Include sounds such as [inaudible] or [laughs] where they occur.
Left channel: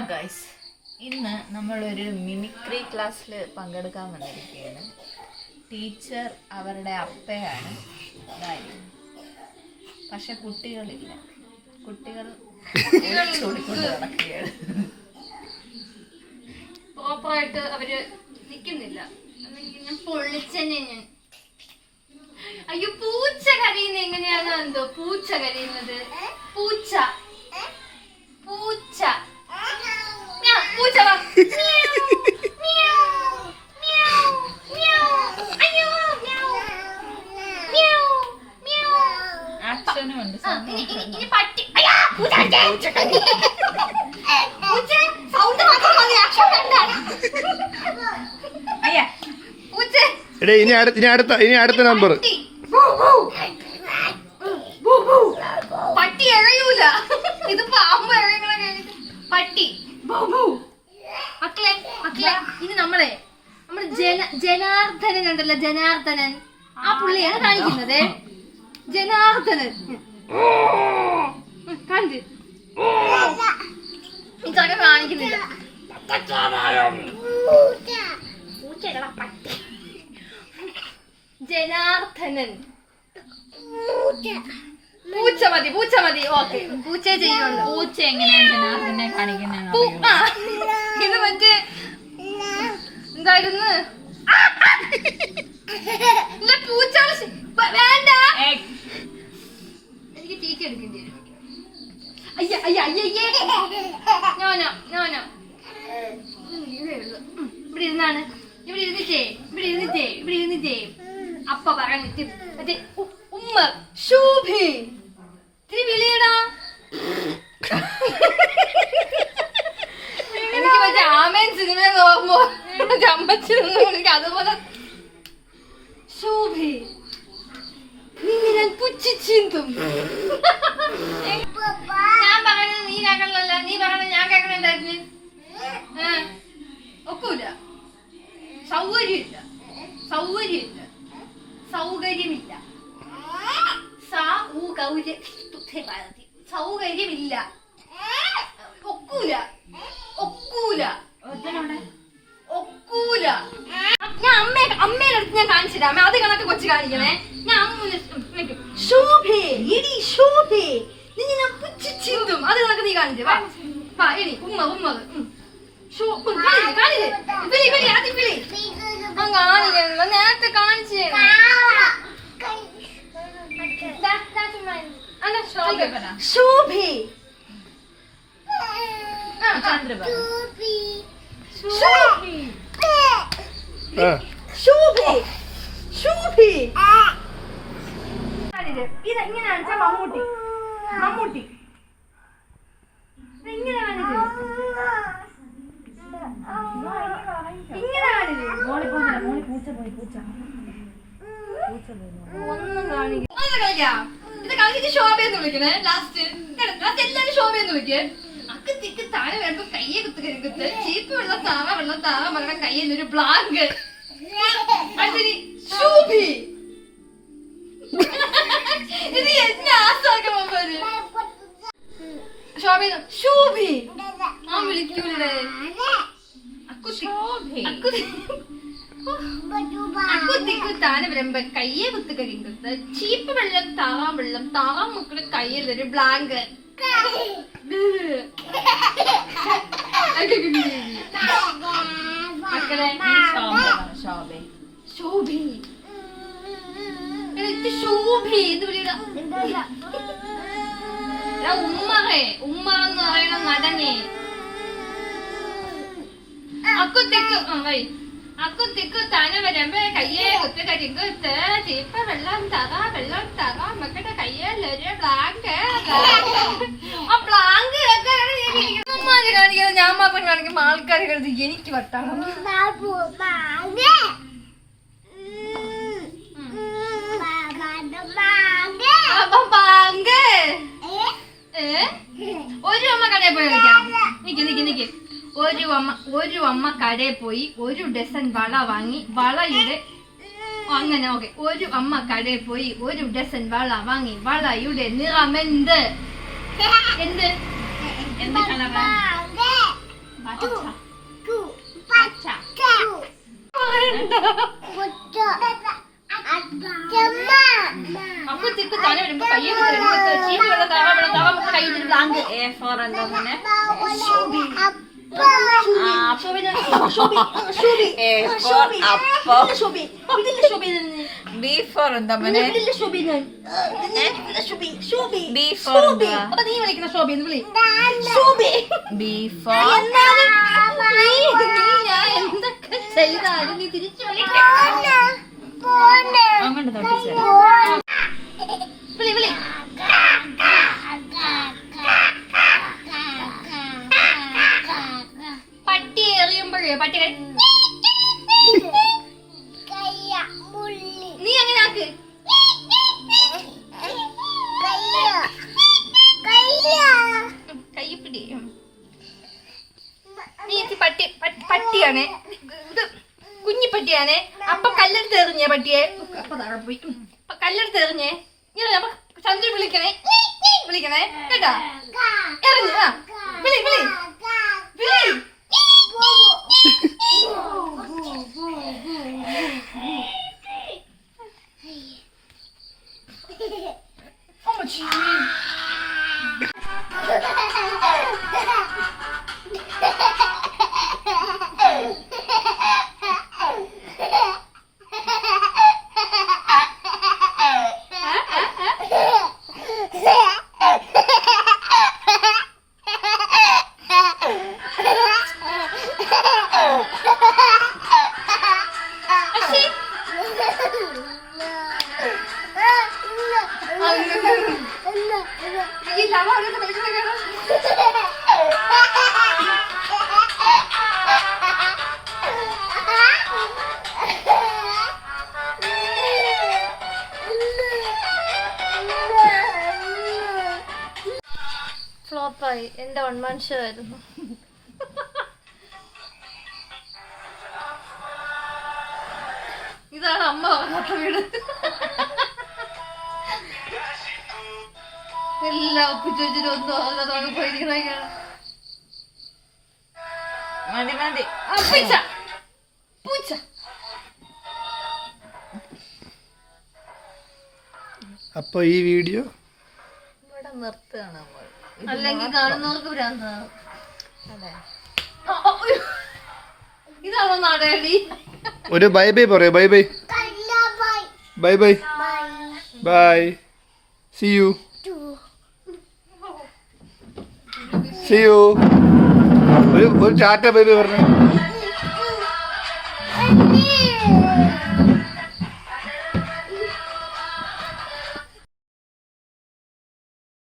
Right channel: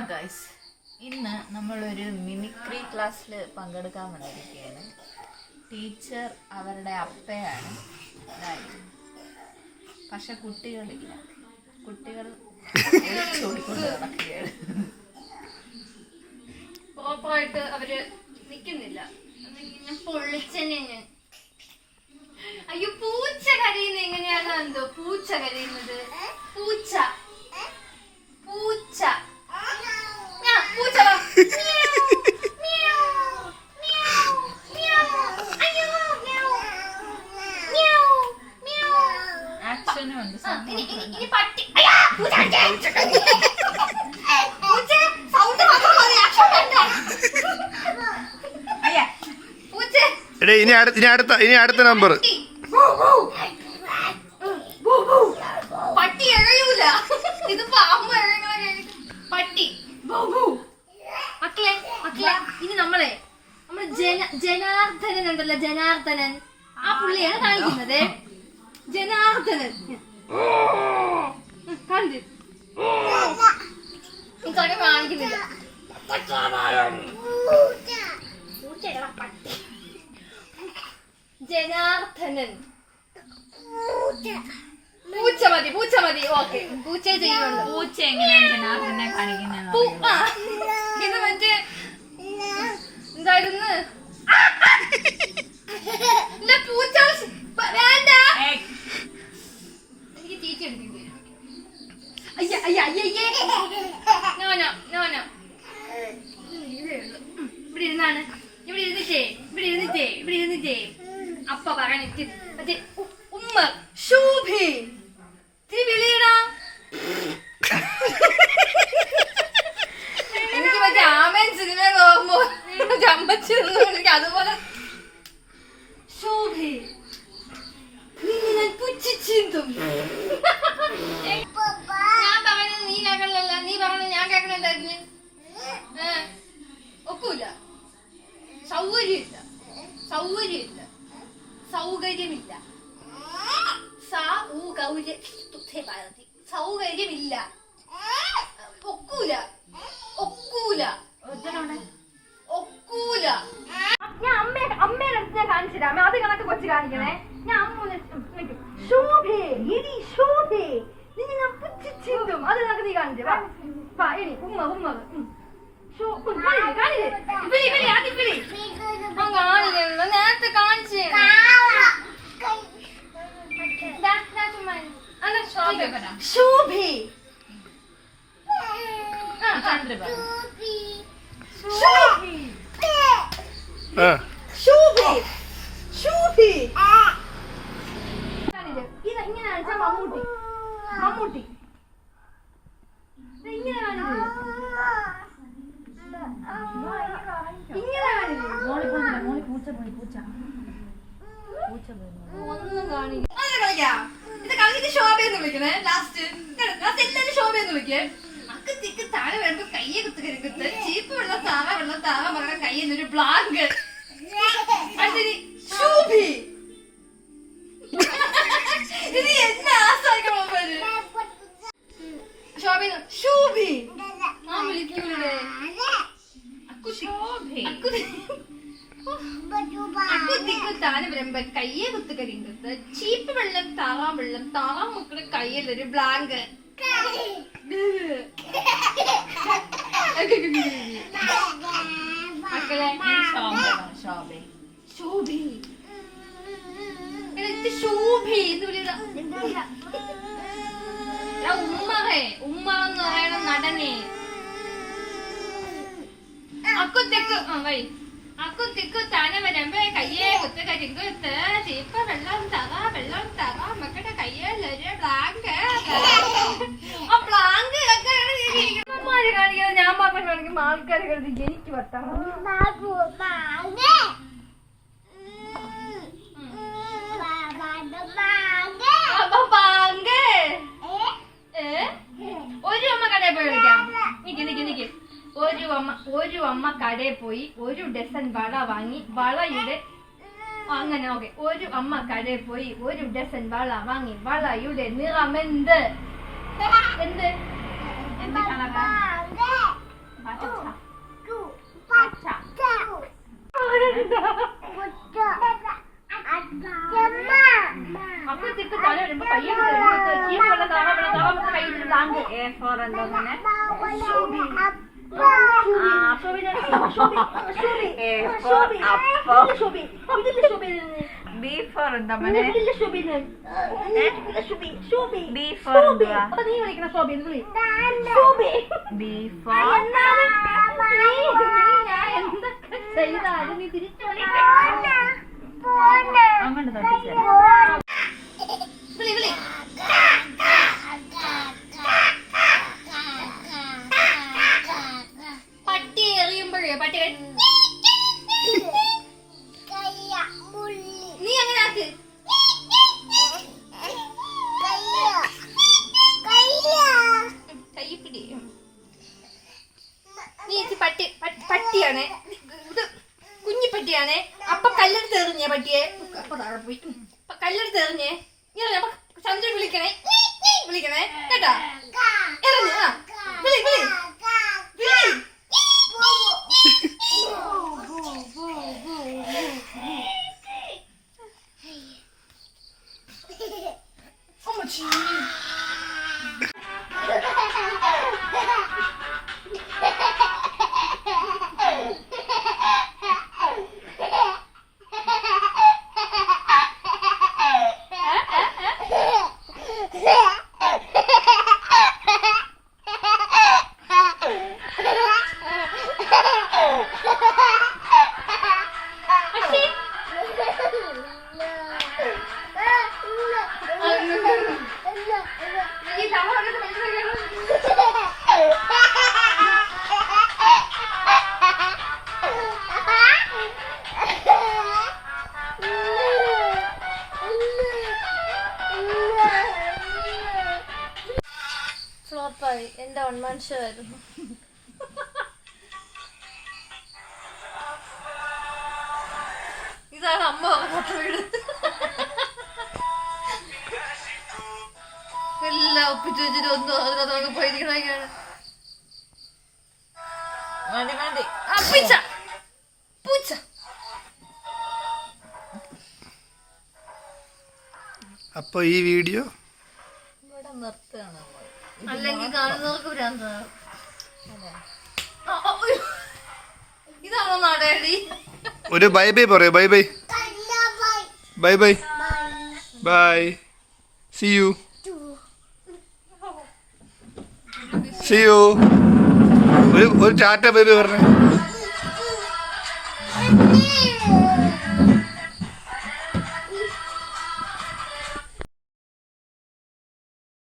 Guys ഇന്ന് നമ്മളൊരു mimicry ക്ലാസ്സിൽ പങ്കെടുക്കാൻ വന്നിരിക്കുകയാണ്. ടീച്ചർ അവരുടെ അപ്പയാണ്. അതായത് പക്ഷെ കുട്ടികളില്ല. കുട്ടികൾ ഒളിച്ചോടിക്കൊണ്ട് നടക്കുകയാണ്. പ്രോപ്പറായിട്ട് അവർ നിക്കുന്നില്ല. ഞാൻ പൊള്ളിച്ചെന്നെ ഞാൻ. അയ്യോ പൂച്ച കരയുന്ന എങ്ങനെയാണോ എന്തോ? പൂച്ച കരയുന്നത്. പൂച്ച. പൂച്ച. എടേ ഇനി അടുത്ത ഇനി അടുത്ത ഇനി അടുത്ത നമ്പർ പട്ടി. പട്ടി എഴയൂല ഇത് പാമ്പ് എഴയണ കഴിഞ്ഞിട്ട് പട്ടി മക്കളെ മക്കളെ ഇനി നമ്മളെ നമ്മുടെ ജന ജനാർദ്ദനൻ ഉണ്ടല്ലോ ജനാർദ്ദനൻ. ആ പുള്ളിയാണ് കാണിക്കുന്നത്. ജനാർദ്ദനൻ. കണ്ട്. ഇതൊക്കെ കാണിക്കുന്നില്ല. ജനാർദ്ദനൻ. പൂച്ച മതി പൂച്ച മതി. ഓക്കെ. പൂച്ച ചെയ്യുന്നുണ്ട്. പൂച്ച എങ്ങനെയാണ് ജനാർദ്ദനെ കാണിക്കുന്നത് ഇത് മറ്റേ എന്തായിരുന്നു? വ- വേണ്ട. എനിക്ക് ടീച്ച എടുക്കേണ്ടി വരും. അയ്യ അയ്യ അയ്യ നോനോ നോനോ ഇവിടെ ഇരുന്നാണ്. ഇവിടെ ഇരുന്നിട്ടേ ഇവിടെ ഇരുന്നിട്ടേ ഇവിടെ ഇരുന്നിട്ടേ. അപ്പ പറഞ്ഞിട്ട് മറ്റേ ഉമ്മ. ശൂഭി. ഇത്തിരി വിളിയടാ. [laughs] എനിക്ക് മറ്റേ ആമേൻ സിനിമ നോക്കുമ്പോ അമ്മച്ചി എനിക്ക് അതുപോലെ ശോഭേ നിന്നെ ഞാൻ പുച്ഛിച്ചിന്തും ഞാൻ പറയുന്നത് നീ കേൾക്കണല്ല നീ പറയുന്നത് ഞാൻ കേൾക്കണല്ലായിരുന്നു ഒക്കൂല. സൗകര്യമില്ല. സൗകര്യമില്ല. സൗകര്യമില്ല. സൗകര്യമില്ല. ഒക്കൂല. ഒക്കൂല. ഒക്കൂല ഞാൻ അമ്മ അമ്മയുടെ അടുത്ത് ഞാൻ കാണിച്ചില്ല അമ്മ അത് കണക്ക് കൊച്ചു കാണിക്കണേ. ഞാൻ അമ്മൂനെ ശോഭേ എടി ശോഭേ നിന്നെ ഞാൻ പുച്ഛിച്ചിന്തും. അത് കണക്ക് നീ കാണിച്ചേ. വാ. വാ എടി ഉമ്മ ഉമ്മ. നേരത്തെ കാണിച്ചേ ശോഭേ പറ. ശോഭേ. ശോഭേ. ശോഭേ. ഇത് ഇങ്ങനെ കാണിച്ചാ മമ്മൂട്ടി? മമ്മൂട്ടി. ഇത് ഇങ്ങനെ കാണില്ലേ ഇങ്ങനെ കാണില്ലേ മോളി പോകുന്നില്ല മോളി പൂച്ച പോയി പൂച്ച. പൂച്ച പോയി ഒന്നും കാണില്ല. ഇത് കളിക്കാം. ഇത് കളിച്ചിട്ട് ശോഭയെന്ന് വിളിക്കണേ. ലാസ്റ്റ് ലാസ്റ്റ് എല്ലാരും ശോഭയെന്ന് വിളിക്കേ. താഴെ കയ്യെ കുത്ത് കരിക്കുത്ത് ചീപ്പ് വെള്ളം താറ വെള്ളം താറ മകളുടെ കയ്യിൽ ഒരു ബ്ലാങ്ക് അടുത്തത് ശോഭി. ഇത് എന്നെ ആസാക്കണം പോര് ശോഭി ശോഭി. ആ വിളിക്കൂലേ അക്കുത്തി. അക്കുത്തി. അക്കുത്തിക്കു താനെ വരുമ്പോ കയ്യെ കുത്ത് കരിങ്കത്ത് ചീപ്പ് വെള്ളം താറാം വെള്ളം താറാം മക്കളുടെ കയ്യിൽ ഒരു ബ്ലാങ്ക് മക്കളെ ശോഭ ശോഭി. ശോഭി. എന്ന് വിളിയുടെ. ഉമ്മറേ ഉമ്മ എന്ന് പറയണ നടനെ. അക്കുത്തിക്ക് ആ വൈ അക്കുത്തിക്ക് തന വരുമ്പോ കയ്യെ കുത്ത് കരിങ്കുത്ത് ചീപ്പ വെള്ളം തറ വെള്ളം തറ മക്കളുടെ ബ്ലാങ്ക് ആ ബ്ലാങ്ക് ഉമ്മാര് ഞാൻ മാത്രം കാണിക്കുമ്പോ ആൾക്കാർ കരുതി എനിക്ക് വട്ടാണ്? ഒരു അമ്മ കടയിൽ പോയി കളിക്കാം. നിക്ക് നിക്ക്. ഒരു അമ്മ ഒരു അമ്മ കടയിൽ പോയി ഒരു ഡസൻ വള വാങ്ങി വളയുടെ അങ്ങനെ ഓക്കെ ഒരു അമ്മ കടയിൽ പോയി ഒരു ഡസൻ വള വാങ്ങി വളയുടെ നിറം എന്ത്? എന്ത് എന്ത്? കളറാ അപ്പഴത്തേക്ക് തല വരുമ്പോ കയ്യൊക്കെ തരുമ്പോ കയ്യിൽ താങ്ക് എ ഫോർ എന്താ മോനെ? നീ വിളിക്കുന്ന ശോഭി എന്ന് വിളി ശോഭി ബി ഫോർ എന്നാലും ഞാൻ എന്തൊക്കെ ചെയ്താലും നീ തിരിച്ചു വിളി വിളി പട്ടി നീ അങ്ങനെ ആക്ക്. കയ്യപ്പിടി. പിടി നീ പട്ടി പട്ടിയാണ്. ഇത് കുഞ്ഞി പട്ടിയാണ് അപ്പൊ കല്ലെടുത്ത് എറിഞ്ഞേ പട്ടിയെ? അപ്പൊ താഴെ പോയി. അപ്പൊ കല്ലെടുത്ത് എറിഞ്ഞേ. ഇങ്ങനെ അപ്പൊ ചന്ദ്രൻ വിളിക്കണേ. വിളിക്കണേ. കേട്ടാ? എറിഞ്ഞ് വിളി വിളി. വിളി. വിളി [laughs] അമ്മച്ചി. ഫ്ലോപ്പായി എന്റെ വൺ ഷോ ആയിരുന്നു ഇതാണ് അമ്മ പറഞ്ഞ വീട്. എല്ലാ ഒപ്പിച്ചു ഒന്നും അതിനകത്തൊക്കെ അപ്പൊ മതി മതി. ആ പൂച്ച. പൂച്ച. അപ്പോൾ ഈ വീഡിയോ ഇവിടെ നിർത്തുകയാണ് നമ്മൾ അല്ലെങ്കിൽ കാണുന്നവർക്ക് ഭ്രാന്താണ്. ഇതാണോ നാടേടി ഒരു ബൈ ബൈ പറയൂ bye bye. Bye bye. Bye. See you see you ഒരു ഒരു ടാറ്റ ബൈ ബൈ പറഞ്ഞു.